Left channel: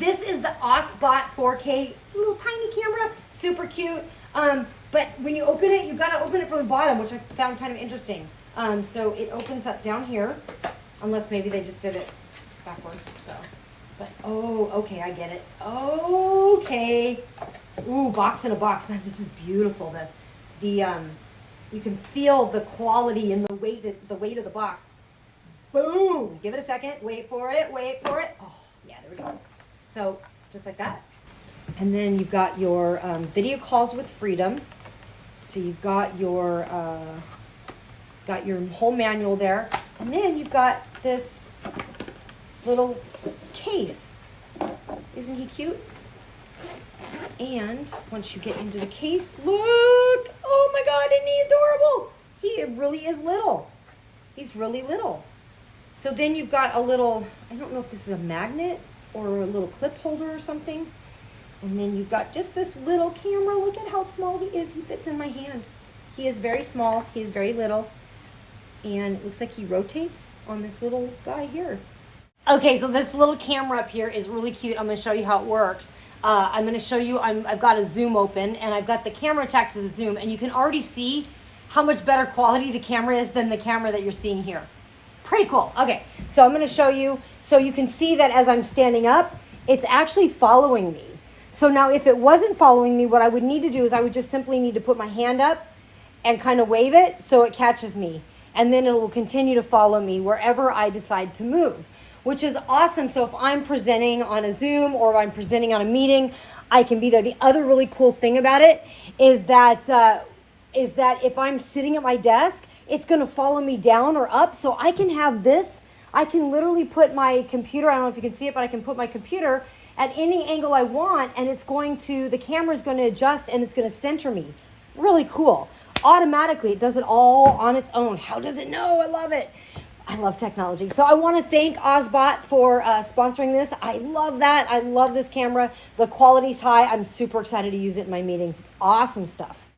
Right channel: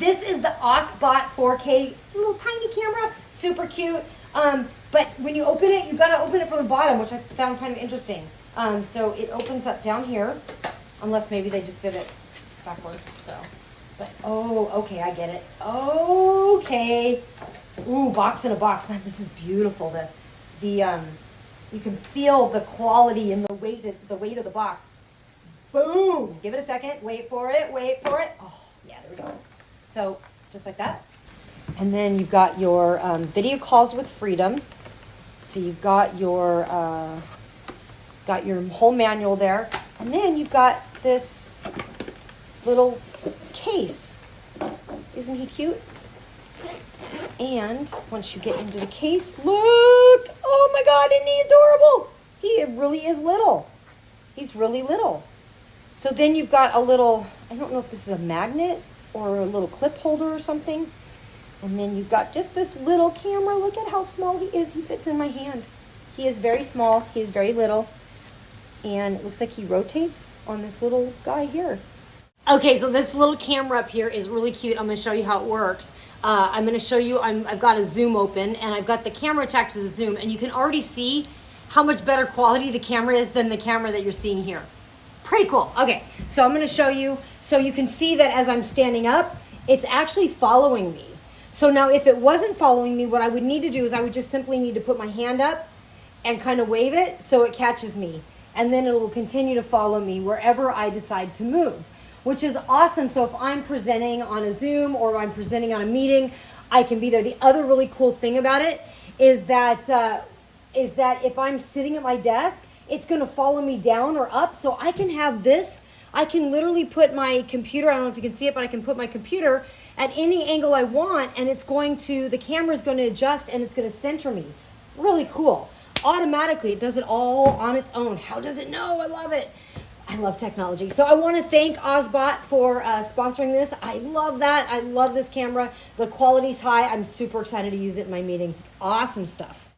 This is the OBSBOT 4K little tiny camera, super cute. But when you open it, you gotta open it from the bottom, which I found kind of interesting. So it opens up down here, unless maybe they just did it backwards, so. But, oh, okay, I get it. Okay. Ooh, box in a box. Man, this is beautiful. You can feel the quality and the weight of the box. Boom! Give it a second. Wait for it. Wait for it. Oh, yeah, there we go. So, just like that. And then you've got your video calls with freedom. So you've got your whole manual there. And then you've got this little case. Isn't he cute? And once you get into the case, look! Oh my God, isn't he adorable? He really is little. He's really little. So then you've got a little, I don't know if this is a magnet or a little clip holder or something. And then you've got just this little camera. Look at how small he is. He fits in my hand. He is very small. He's very little. And it looks like he rotates on this little guy here. Okay, so this little camera up here is really cute. I'm going to show you how it works. I'm going to show you, I've got a zoom open and I've got the camera attached to the zoom, and you can already see how much better quality the camera is than the camera that you're seeing here. Pretty cool. Okay, so I'm going to show you, so you can see that as I'm standing up, it's actually following me. So now if it wasn't following me, what I would need to do is I would just simply need to put my hand up and kind of wave it so it catches me. And then it will continue to follow me wherever I decide to move, which is awesome. So if I'm presenting on a Zoom or I'm presenting on a meeting, I can be there. The other really cool thing about it is that if I'm sitting at my desk, it's going to follow me down or up. So I can have this. I can literally put my computer, I don't know if you can see it, but I can put my computer at any angle I want, and the camera's going to adjust and it's going to center me. Really cool. Automatically, it does it all on its own. How does it know? I love it. I love technology. So I want to thank OBSBOT for sponsoring this. I love that. I love this camera. The quality's high. I'm super excited to use it in my meetings. It's awesome stuff.